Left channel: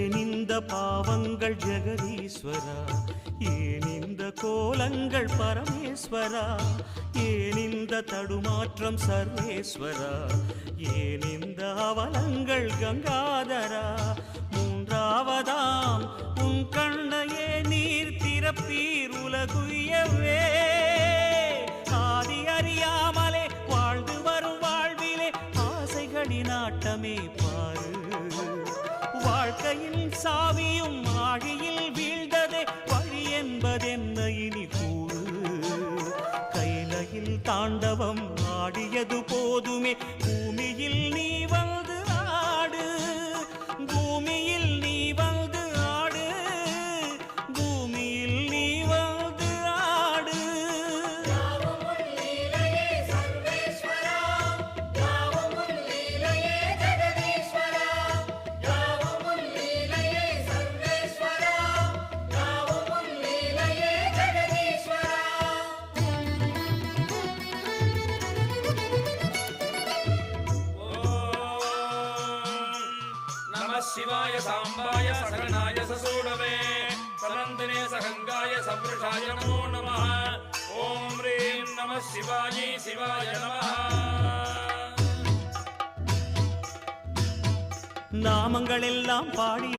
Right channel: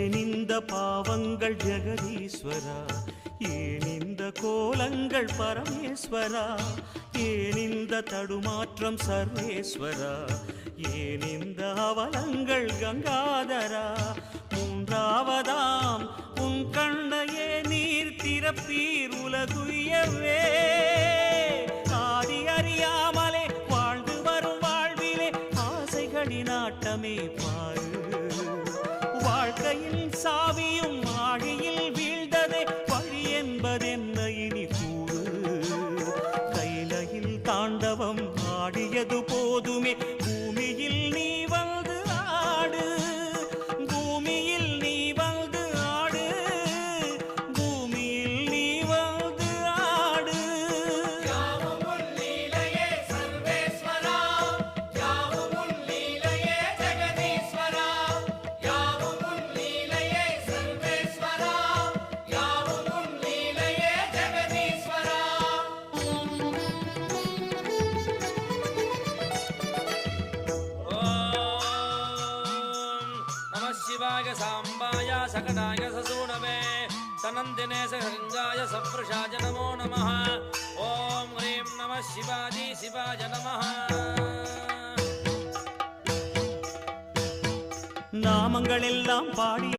ஏனிந்த பாவங்கள் ஜெகதீஸ்வரா, ஏனிந்த கோலங்கள் பரமேஸ்வரா, ஏனிந்த தடுமாற்றம் சர்வேஸ்வரா, ஏனிந்த அவலங்கள் கங்காதரா, மூன்றாவதாம் உன் கண்ணையே நீர் திறப்பீர் உலகுயவே. ஆதி அறியாமலே வாழ்ந்து வரும் வாழ்விலே ஆசைகளின் ஆட்டமே பாரு. வாழ்க்கையில் சாவியும் ஆழியில் வீழ்ந்ததே, வழி என்பதென்ன இனி கூறு. கைலையில் தாண்டவம் ஆடியது போதுமே, பூமியில் நீ வந்து ஆடு, பூமியில் நீ வந்து ஆடு, பூமியில் நீ வந்து ஆடு. நாமங்கள் எல்லாம் பாடி